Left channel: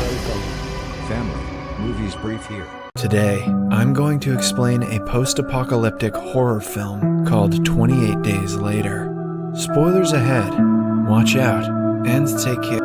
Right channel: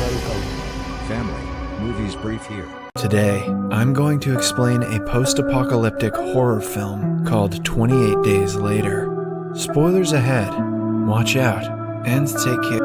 Welcome, family. Movies Brief here. Today, I'm going to explain a post-apocalyptic horror film called 28 Days Later. Spoilers ahead. Watch out, and take care.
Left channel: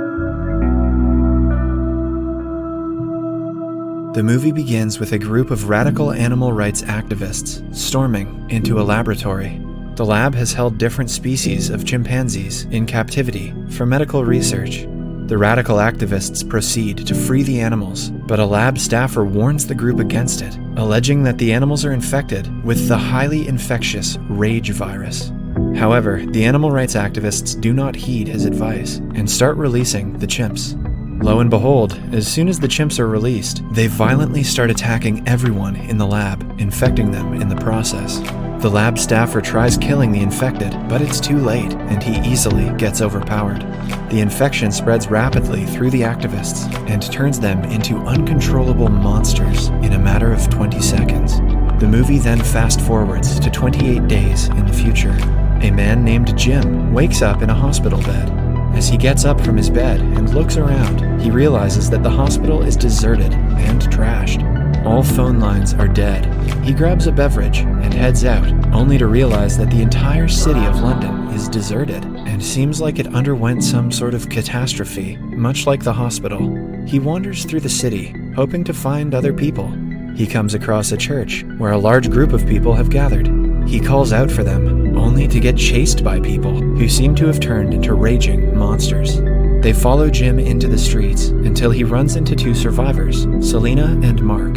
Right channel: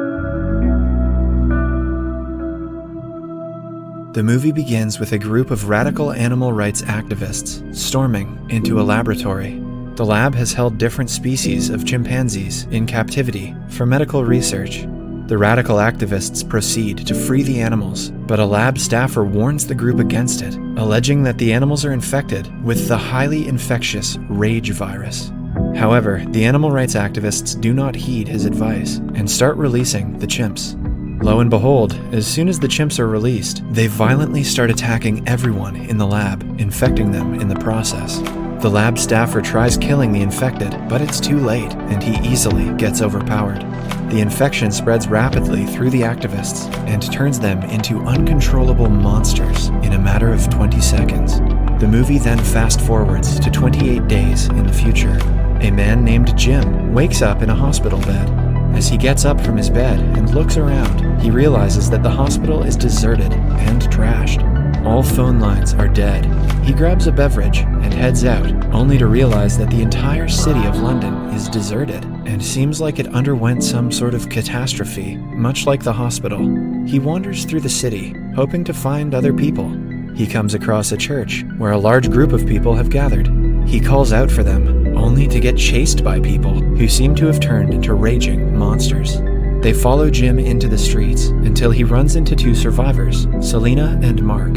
The movie begins with a group of radical animal rights activists storming into a laboratory. The lab has held different species of chimpanzees in captivity for medical research. The radical activists proceed to free the animals, but a lab staffer warns the group against it, alleging that the animals are infected with the highly infectious rage virus. However, the animal rights activists do not heed his advice and start releasing the chimps. Lo and behold, as soon as the chimps are released, they violently start attacking everyone in the lab, infecting them in the process. The lab staffer tries killing the infected, but it's too late, and he easily gets overpowered. The infection spreads rapidly through the activists and turns them into uncontrollable monsters in a matter of 20 seconds. The movie then fast-forwards to 28 days in the future. A man named Jim wakes up in a hospital bed. As he gets up from his bed and looks around, he realizes that the hospital is deserted and trashed. All phone lines are dead. He grabs a beverage and heads out, only to realize that the entire city of London is deserted and seems like it underwent some sort of catastrophe, much like the hospital. He wanders through the city, hoping to find other people. He comes across a church where a large group of people have gathered. He calls out for them, only to get chased by people who seem to have turned into raging monsters. They follow Jim into the streets until he runs into two survivors, Selena and Mark.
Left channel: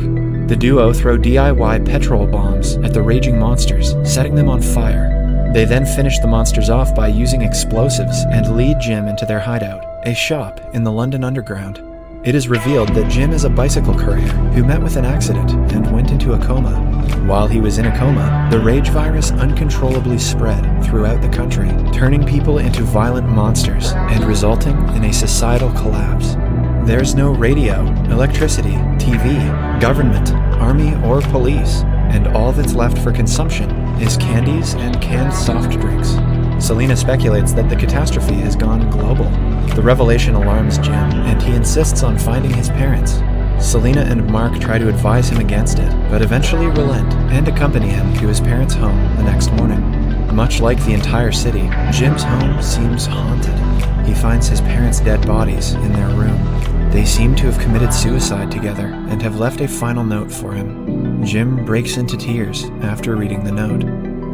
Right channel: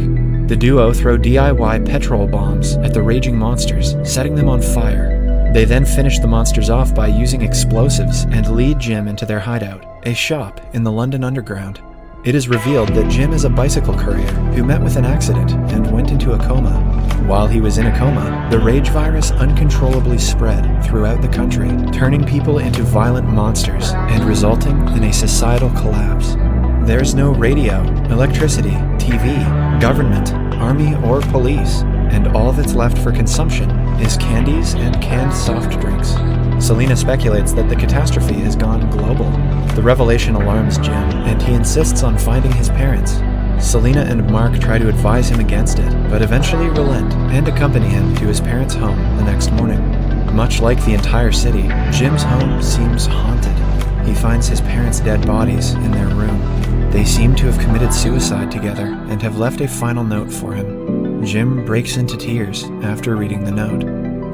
The duo throw DIY petrol bombs at the raging monsters, setting them on fire. They then finish the monsters off by using explosives and lead Jim into their hideout, a shop in the London Underground. It is revealed that Jim is a bicycle courier who met with an accident and went into a coma. While he was in a coma, the rage virus uncontrollably spread throughout the country, turning people into violent monsters and resulting in a societal collapse. There's no radio, electricity, TV, government, army, or police, and all that's left for consumption is candies and canned soft drinks. Selena speculates that the catastrophe has gone global. The revelation alarms Jim, and he insists on finding his parents. Selena and Mark try to advise him against it, but eventually relent and accompany him to his parents' home the next morning. Much like the entire city, Jim's home seems haunted. He finds his parents' dead bodies in their room. They seem to have committed suicide together and have left a final note for him. Jim breaks into tears after reading the note.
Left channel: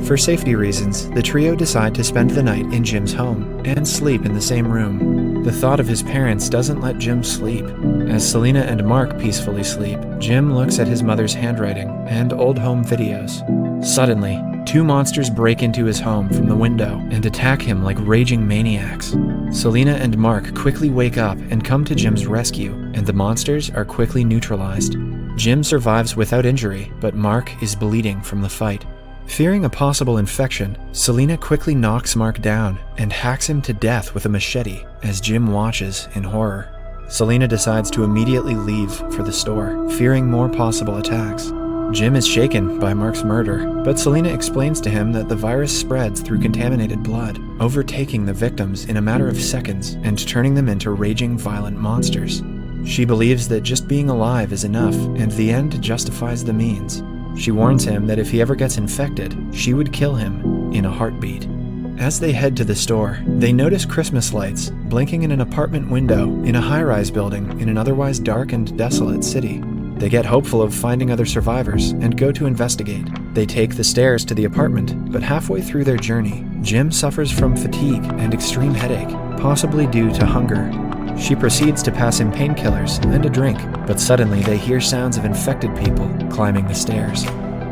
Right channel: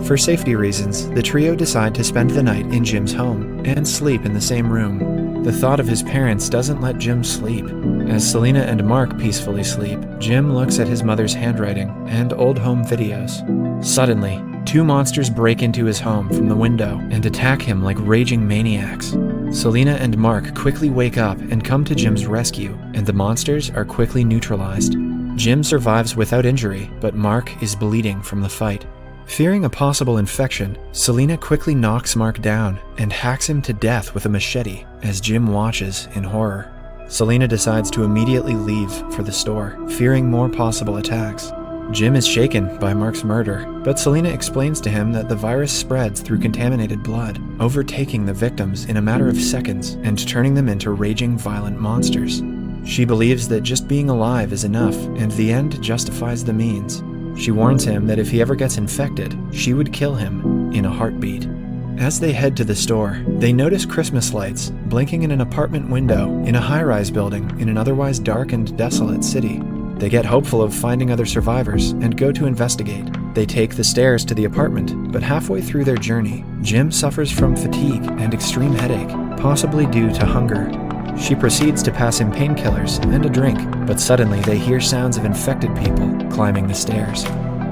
For safety reasons, the trio decide to spend the night in Jim's home and sleep in the same room. The thought of his parents doesn't let Jim sleep. As Selena and Mark peacefully sleep, Jim looks at his mother's handwriting and old home videos. Suddenly, two monsters break into his home from the window and attack him like raging maniacs. Selena and Mark quickly wake up and come to Jim's rescue, and the monsters are quickly neutralized. Jim survives without injury, but Mark is bleeding from the fight. Fearing a possible infection, Selena quickly knocks Mark down and hacks him to death with a machete as Jim watches in horror. Selena decides to immediately leave for the store, fearing more possible attacks. Jim is shaken by Mark's murder, but Selena explains to him that the virus spreads through contaminated blood, overtaking the victims in a matter of seconds and turning them into raging violent monsters. She believes that just being alive is enough, and the end justifies the means. She warns him that if he ever gets infected, she would kill him in a heartbeat. As they head to the store, they notice Christmas lights blinking in an apartment window in a high-rise building in an otherwise dark and desolate city. They get hopeful of finding other survivors and go to investigate. They take the stairs to the apartment, but halfway through their journey, Jim suffers from fatigue and extreme headache, possibly due to hunger. She proceeds to pass him painkillers and a drink, but suddenly they hear sounds of infected people climbing the stairs.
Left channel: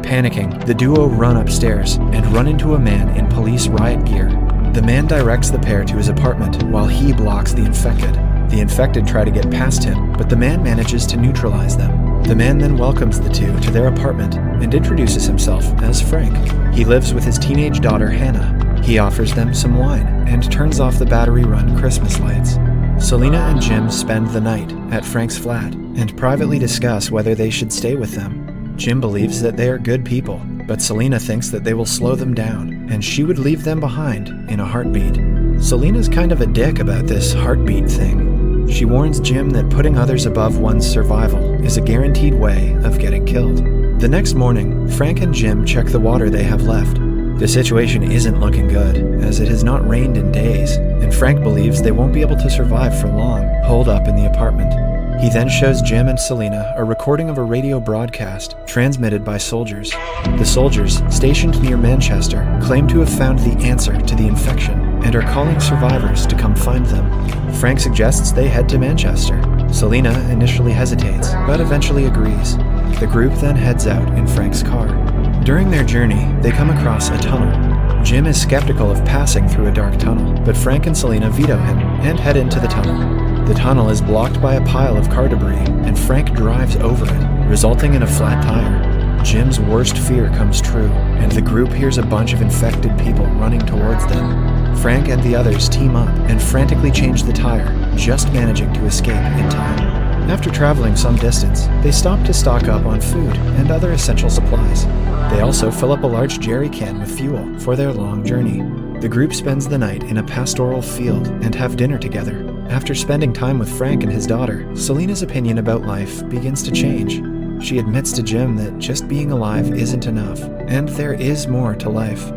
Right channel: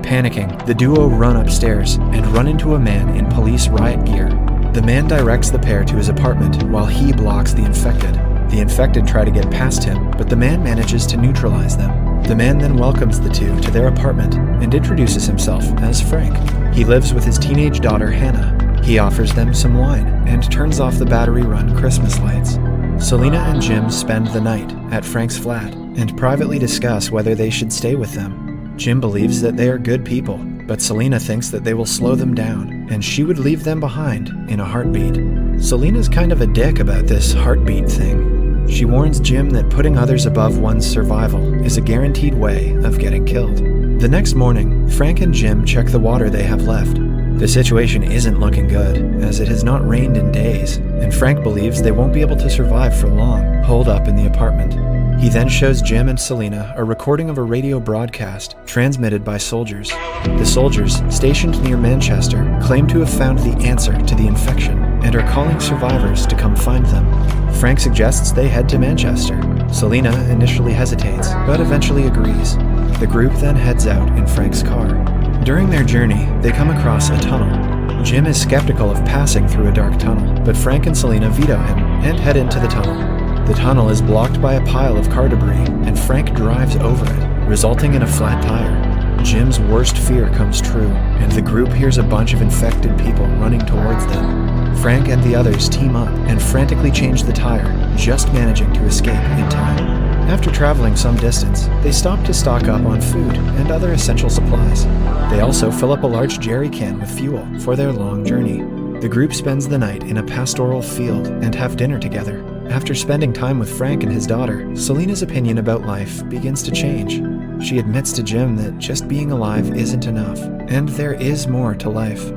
Panicking, the duo run upstairs and run into a man in police riot gear. The man directs the pair to his apartment while he blocks the infected. The infected try to get past him, but the man manages to neutralize them. The man then welcomes the two to their apartment and introduces himself as Frank. He lives with his teenage daughter Hannah. He offers them some wine and turns off the battery-run Christmas lights. Selena and Jim spend the night at Frank's flat and privately discuss whether they should stay with them. Jim believes that they are good people, but Selena thinks that they will slow them down, and she would leave them behind in a heartbeat. Selena's kind of a dick about this heartbeat thing. She warns Jim that putting others above one's survival is a guaranteed way of getting killed. The next morning, Frank and Jim check the water they have left. The situation isn't looking good, as it has not rained in days, and Frank believes they won't be able to survive for long, holed up in the apartment. He then shows Jim and Selena a recording of a radio broadcast transmitted by soldiers. The soldiers, stationed near Manchester, claim to have found the answer to the infection and are calling survivors to come find them. Frank suggests they head to Manchester. Selena initially hesitates, but eventually agrees. The group then heads out in Frank's car. During their journey, they come across a tunnel. Jim is skeptical of passing through a dark tunnel, but Frank and Selena veto him and head into the tunnel. The tunnel is blocked by a pile of car debris, and Frank drives over it, resulting in a flat tire. Jim's worst fear comes true, and the group hears a bunch of infected people running towards them. Frank and the others team up and frantically change the tire, just managing to escape in time. After traveling some distance, they stop to stock up on food and other essential supplies. They also fill up a large jerry can with fuel for their long journey. The group spends the night in a pastoral field and have dinner together. After spending time with Frank and his daughter, Selena's opinion about life begins to change. She admits to Jim that just being alive isn't enough, and there is more to life.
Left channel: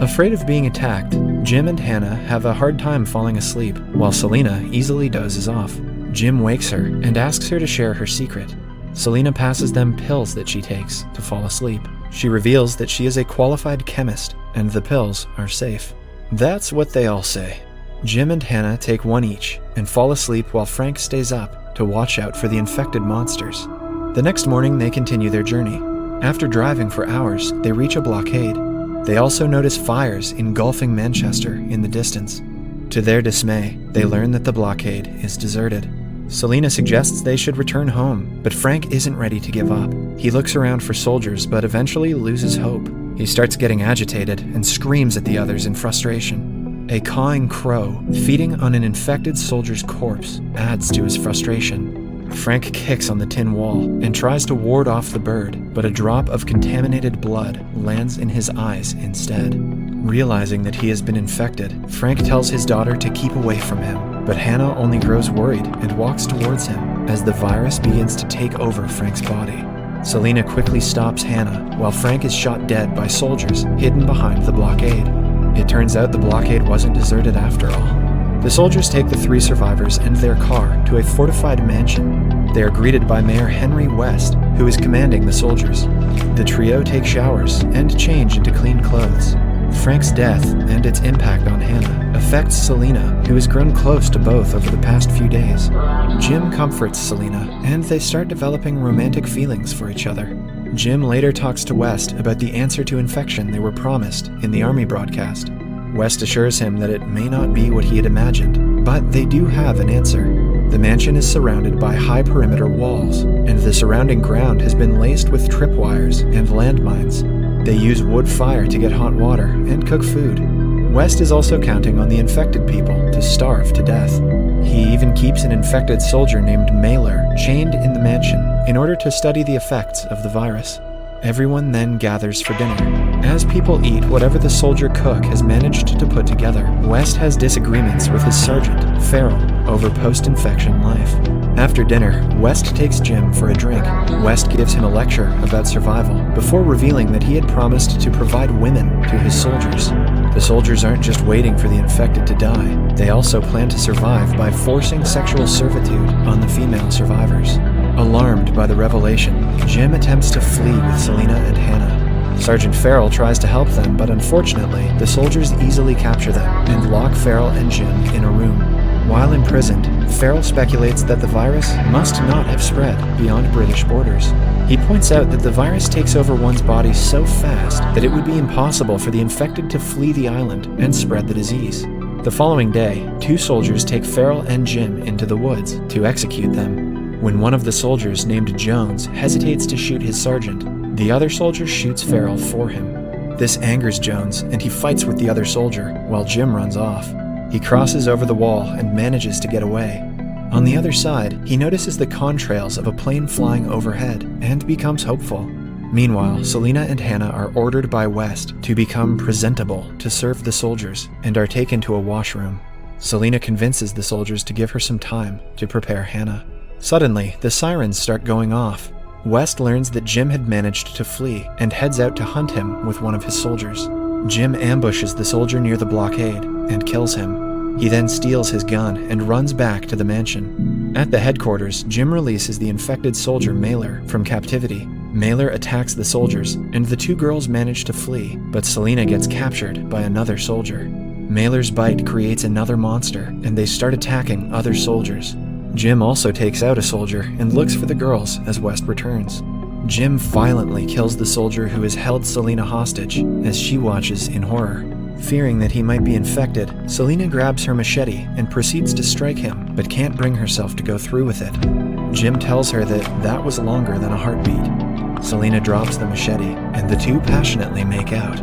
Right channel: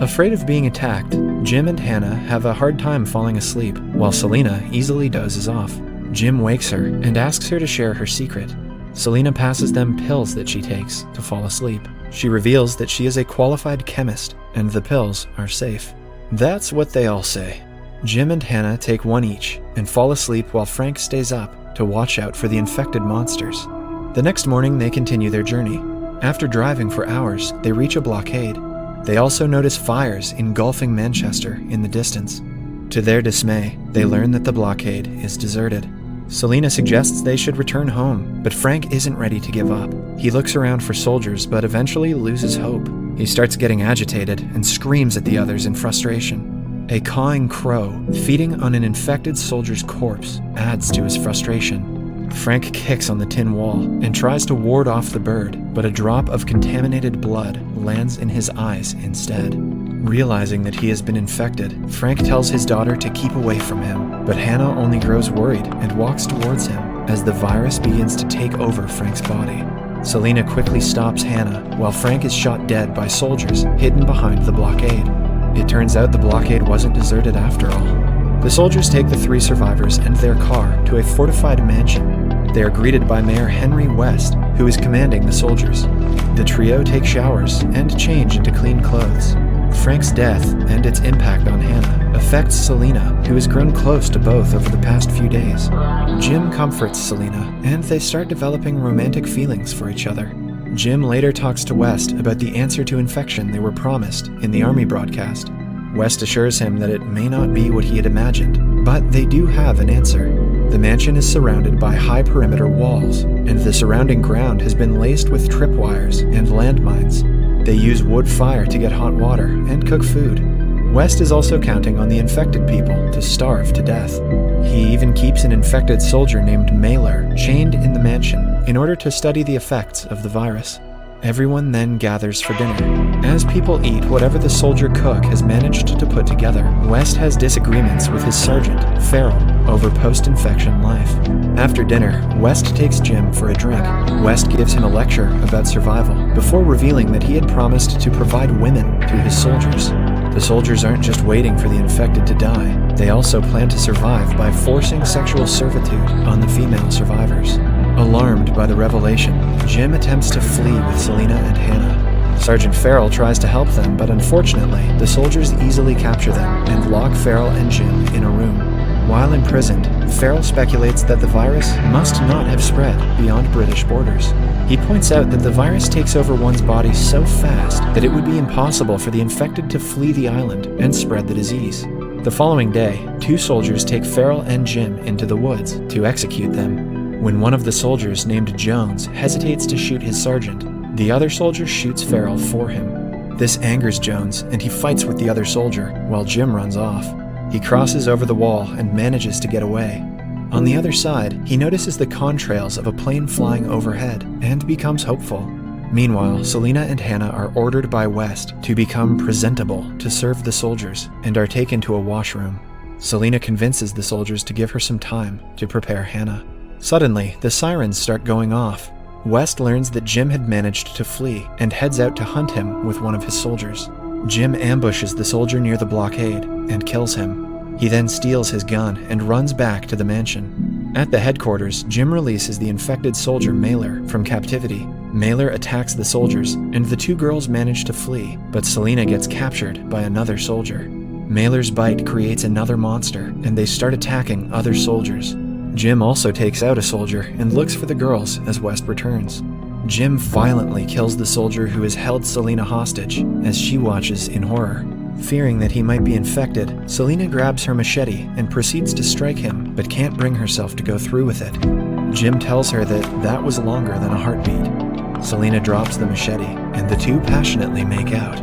Afraid of being attacked, Jim and Hannah have a hard time falling asleep, while Selena easily dozes off. Jim wakes her and asks her to share her secret. Selena passes them pills that she takes to fall asleep. She reveals that she is a qualified chemist, and the pills are safe. That's what they all say. Jim and Hannah take one each and fall asleep while Frank stays up to watch out for the infected monsters. The next morning, they continue their journey. After driving for hours, they reach a blockade. They also notice fires engulfing Manchester in the distance. To their dismay, they learn that the blockade is deserted. Selena suggests they should return home, but Frank isn't ready to give up. He looks around for soldiers, but eventually loses hope. He starts getting agitated and screams at the others in frustration. A cawing crow, feeding on an infected soldier's corpse, adds to his frustration. Frank kicks on the tin wall and tries to ward off the bird, but a drop of contaminated blood lands in his eyes instead. Realizing that he has been infected, Frank tells his daughter to keep away from him, but Hannah only grows worried and walks towards him as the virus begins to take over Frank's body. Selena quickly stops Hannah while Frank is shot dead by soldiers hidden behind the blockade. It turns out the blockade wasn't deserted after all. The soldiers take the 3 survivors and their car to a fortified mansion. They are greeted by Mayor Henry West, who is commanding the soldiers. The trio take showers and change into clean clothes. Frank's death and its impact on Hannah affects Selena, who has grown close to both over the past few days. Jim comforts Selena, and they start developing romantic feelings for each other. Jim later talks to West about the answer to infection they were promised in the Army broadcast. West assures him that it may not be what he had imagined, but they do have an answer. The mansion is surrounded by high perimeter walls, and the surrounding ground has been laced with tripwires and landmines. They use wood fire to get hot water and cook food. West is also counting on the infected people to starve to death. He even keeps an infected soldier named Mailer chained in the mansion in order to study the effects of the virus. Everyone then gathers for dinner. As people eat whatever the soldier cook has managed to put together, West has disagreements with his sergeant, Farrell, over post-infection life. After dinner, West takes Jim for a drink. West gives him a lecture about survival before revealing that he had promised to provide women to his soldiers. The soldiers aren't just waiting for the infected to die, they also plan to survive by forcing sexual servitude on the female survivors. Alarmed by the revelation, Jim attempts to flee with Selena and Hannah. Sergeant Farrell tries to help them, but unfortunately, the soldiers easily capture them and lock Farrell and Jim in a room. While imprisoned, Farrell speculates that the virus must not have spread beyond British borders. He points out that the virus takes over one's body so fast that it would be impossible for the infected to flee the island and spread the disease. The following day, 2 soldiers take Farrell and Jim into the woods to execute them. When one of the soldiers, named Jones, hesitates to shoot his sergeant, the other soldier shoots Farrell for him. This angers Jones, and he fights with the other soldier, while Jim runs off. He crosses over the wall and manages to get away. On the other side, he notices the contrails of a plane flying overhead, and becomes hopeful. Meanwhile, Selena and Hannah are ordered by West to become presentable to serve the soldiers and are taken to a washroom. Selena convinces the soldiers to give her some time to prepare Hannah. Suddenly, the sirens start going off. West learns that Jim had managed to flee and heads out to hunt him with one of his soldiers. Jim ambushes the soldier near the blockade and kills him. He then steals his gun and runs back to the mansion. At the headquarters, Jim releases the infected soldier Mailer from captivity. Mailer attacks the soldiers, and the two girls manage to flee, but Selena gets captured by another soldier. Mailer's bite creates another monster, and they start attacking other soldiers. Jim also takes out a soldier and looks for the girls as West returns. Jim violently kills the soldier who has held Selena hostage as she watches in horror. Fearing that he might be infected, Selena grabs her machete and proceeds to strike him, but can't bring herself to go through with it. Jim tells her that was longer than a heartbeat. Selena drops the machete, and the two passionately make out.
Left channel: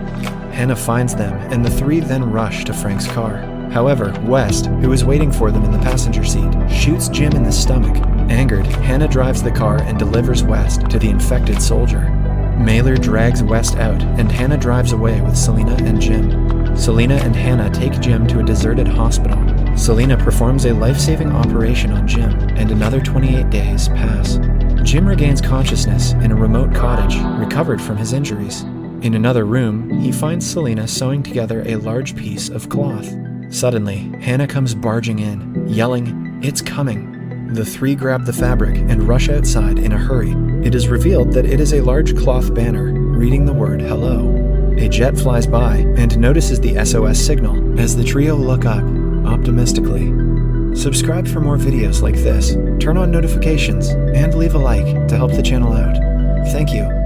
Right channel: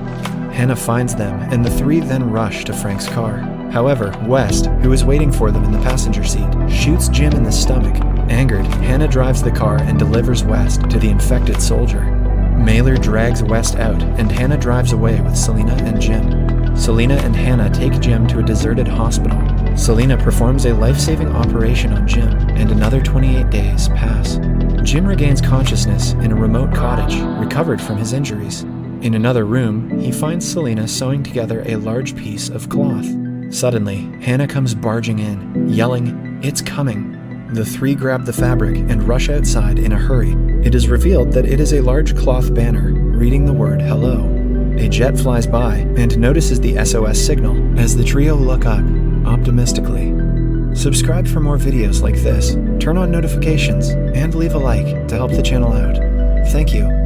Hannah finds them, and the three then rush to Frank's car. However, West, who is waiting for them in the passenger seat, shoots Jim in the stomach. Angered, Hannah drives the car and delivers West to the infected soldier. Mailer drags West out, and Hannah drives away with Selena and Jim. Selena and Hannah take Jim to a deserted hospital. Selena performs a life-saving operation on Jim, and another 28 days pass. Jim regains consciousness in a remote cottage, recovered from his injuries. In another room, he finds Selena sewing together a large piece of cloth. Suddenly, Hannah comes barging in, yelling, "It's coming!" The three grab the fabric and rush outside in a hurry. It is revealed that it is a large cloth banner, reading the word hello. A jet flies by and notices the SOS signal as the trio look up, optimistically. Subscribe for more videos like this, turn on notifications, and leave a like to help the channel out. Thank you.